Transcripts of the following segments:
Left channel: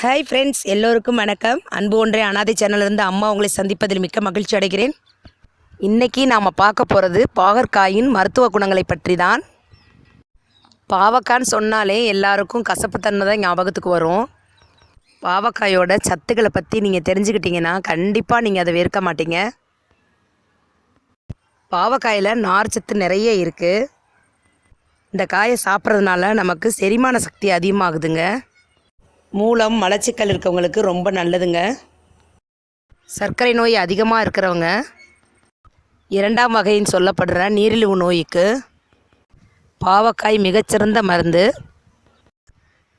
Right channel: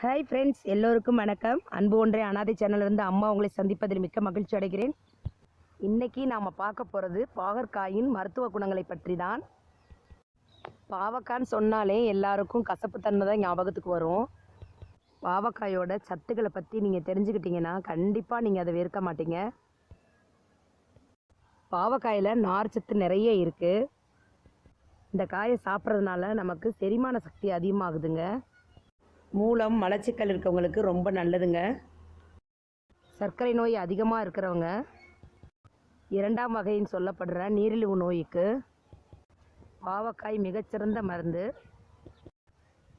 Hi friends எல்லோருக்கும் வணக்கம். அன்பு ஒன்றே அனாதை சேனலிருந்து அம்மா உங்களை சந்திப்பதில் மிக்க மகிழ்ச்சி அடைகிறேன். இன்றைக்கி நாம் பார்க்க போகிறது பாகற்காயின் மருத்துவ குணங்களை பற்றி தான் பாவக்கான்னு சொன்னாலே எல்லாருக்கும் கசப்புத்தன்மை தான் ஞாபகத்துக்கு வரும். பாவக்காயோட சத்துக்களை பற்றி நீங்கள் தெரிஞ்சுக்கிட்டீங்கன்னா கண்டிப்பாக நீங்கள் அதை வெறுக்க மாட்டீங்க. பாவக்காயில் நார் சத்து நிறைய இருக்குது இந்த காயை சாப்பிட்றதுனால நமக்கு செரிமான சக்தி அதிகமாகுதுங்க. மூலம் மலச்சிக்கல் இருக்கவங்களுக்கு ரொம்ப நல்லதுங்க. சர்க்கரை நோய் அதிகமாக இருக்கிறவங்க இரண்டாம் வகைன்னு சொல்லப்படுற நீரிழிவு நோய்க்கு பாவக்காய் மிகச்சிறந்த மருந்து.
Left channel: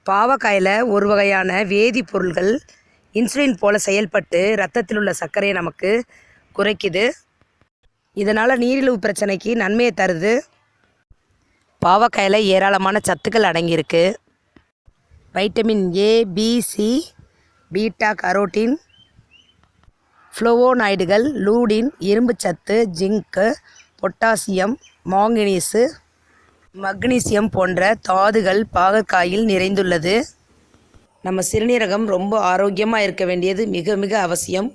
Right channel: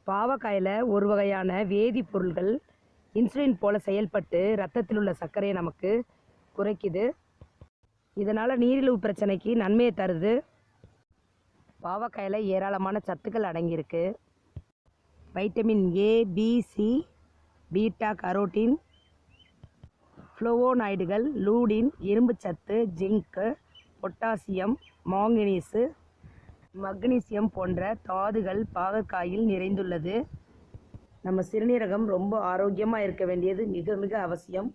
பாவக்காயில் ஒரு வகையான வேதிப்பொருள்கள் இன்சுலின் போல செயல்பட்டு ரத்தத்தில் உள்ள சர்க்கரையை நமக்கு குறைக்குது. இதனால் நீரிழிவு பிரச்சனைக்கு நன்மையை தருது. பாவக்காயில் ஏராளமான சத்துக்கள் அடங்கியிருக்கு. Vitamin A B C beta carotene ஃப்ளோவோனாய்டுகள் lutein இரும்புச்சத்து ஜிங்க்கு பொட்டாசியம் மாங்கனீஸு மக்னீசியம் போன்ற தாதுகள் பாகற்காயில் நிறைந்துள்ளது. நம்ம சிறுநீரகம் ரொம்ப ஆரோக்கியமாக இருக்க வேண்டியது மிக மிக அவசியம்.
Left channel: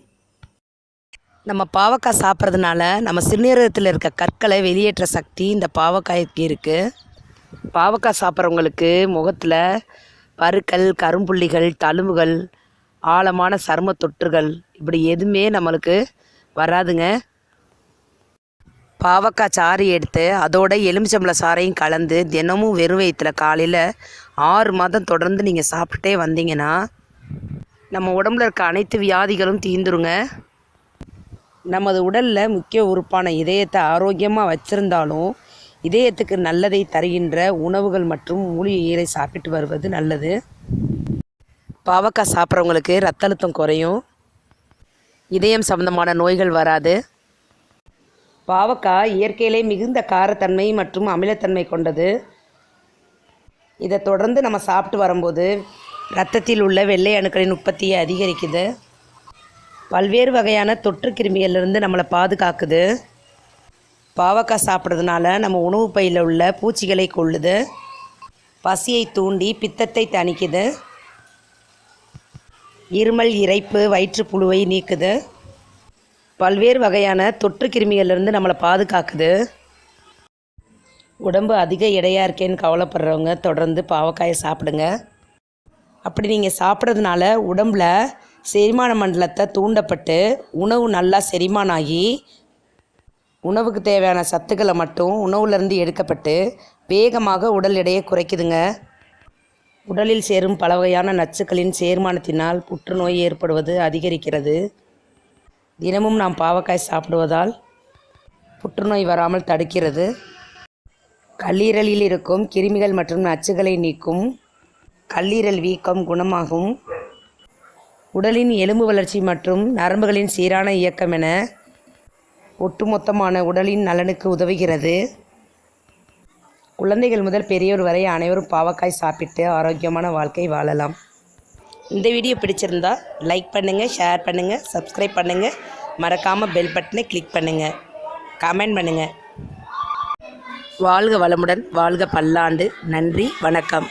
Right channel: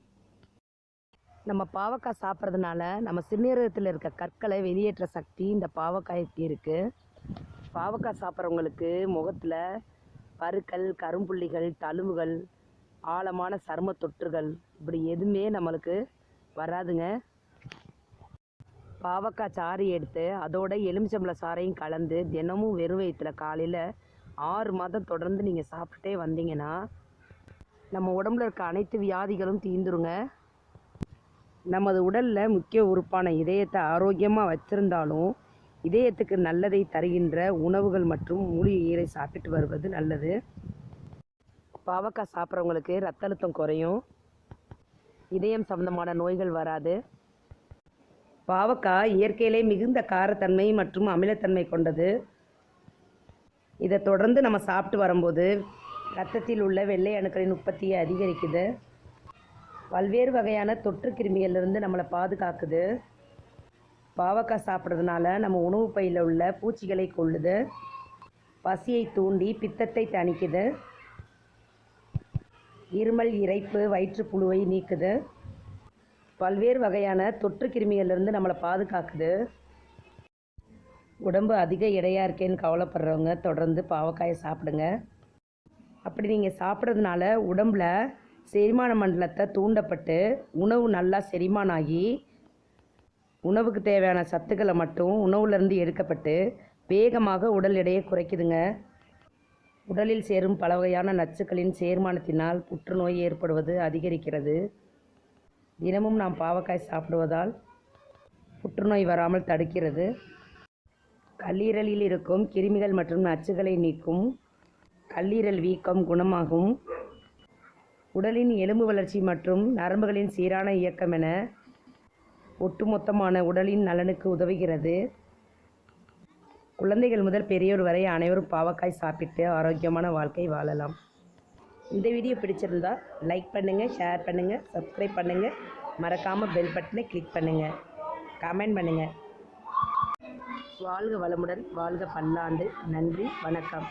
நம்ம பாவக்காய் சாப்பிட்றதுனால நம்ம சிறுநீரகத்தில் இருக்க கற்களை வெளியேற்ற சக்தி இந்த பாவக்காய்க்கு இருக்குது பாவக்காய் சாப்பிட்றவங்களுக்கு முகத்தில் பருக்கள் கரும்புள்ளிகள் தழும்புகள் ஆழமான சரும தொற்றுகள் இப்படி எதுவுமே நம்மளுக்கு வராதுங்க. பாவக்காய் சாறு எடுத்து அதோட எலுமிச்சம்பழ சாறையும் கலந்து தினமும் வெறும் வயிற்றில் காலையில் ஆறு மாதம் தொடர்ந்து நீங்கள் சாப்பிட்டுட்டே வந்தீங்கன்னா நம்ம உடம்புல இருக்க அனைத்து வியாதிகளும் தீந்துருங்க. நமது உடலில் முக்கிய உறுப்பான இதயத்தை ஆரோக்கியமாக வச்சுருந்தாலும் இதயத்துக்கு நல்லதை தருகின்ற உணவுகள் மற்றும் மூலிகைகளை சாப்பிட்டு வருவது நல்லது. பாவக்காய் சாப்பிட்றவங்களுக்கு ரத்த அழுத்தம் குறையும். இதயம் சம்பந்தமான நோய்கள் வராது. பாவக்காய் இயற்கையிலே மிகுந்த காரத்தன்மை மற்றும் அமிலத்தன்மை கொண்டது. இதை தொடர்ந்து நம்ம சாப்பிட்டு வரும்போது ரத்தத்தில் உள்ள வெள்ளை அணுக்களின் உற்பத்தியை அதிகரிக்குது. பல்வேறு வகையான தொற்று கிருமிகளிலிருந்து நம்மளை பாதுகாக்குது. பாவக்காய் சாப்பிட்றதுனால நம்ம உணவு பையில் உள்ள பூச்சிகளை கொள்ளுது. பசியை தூண்டி பித்தத்தை தணிக்குது. இருமல் இறைப்பு வயிற்றுப்புழுவை நீக்குது. பல்வேறு வகையான தொற்று கிருமிகள்லேருந்து நம்மளை பாதுகாக்குது. உடம்பு அதிக எடையாக இருக்கேன்னு கவலைப்படுறவங்க தொடர்ந்து பாவக்காயை சாப்பிடுங்க. அப்படி நீங்கள் சாப்பிட்றதுனால உடம்பில் செரிமான மண்டலத்தை தூண்டப்பட்டு உணவு நல்லா செரிமானம் ஆகி உணவுக்கு தேவையான சத்துக்களை மட்டும் உணவுலேருந்து எடுக்கப்பட்டு வேகமாக உடல் எடையை குறைக்குதுங்க. உடலில் சேரும் பல வகையான நச்சுக்களின் சேர்மானத்தினால் புற்றுநோய் ஏற்படுவது அதிகரிக்கிறது. தினமும் நாம் பாவக்காய் சாப்பிடுவதால் புற்றுநோய் வராமல் தடுக்கிறது. கல்லீரலில் இருக்கும் கிருமிகள் மற்றும் நச்சுகளை நீக்கும் கல்லீரல் வீக்கம் குணமாகும். உடலின் எலும்பு வளர்ச்சி மற்றும் நரம்புகளின் சீரான இயக்கம் என ஒட்டுமொத்தமான உடலின் நலனுக்கு உதவுகிறது. குழந்தைகள் முதல் பெரியோர் வரை அனைவரும் பாவக்காய் சாப்பிட்டு ஆரோக்கியமான வாழ்க்கை வாழலாம். இந்த வீடியோ பிடிச்சிருந்தா லைக் பண்ணுங்கள் ஷேர் பண்ணுங்கள் சப்ஸ்கிரைப் பண்ணுங்கள் மறக்காமல் பெல் பட்டனை கிளிக் பண்ணுங்கள் கமெண்ட் பண்ணுங்கள் வாழ்க வளமுடன் வாழ்க பல்லாண்டு. நன்றி வணக்கம்.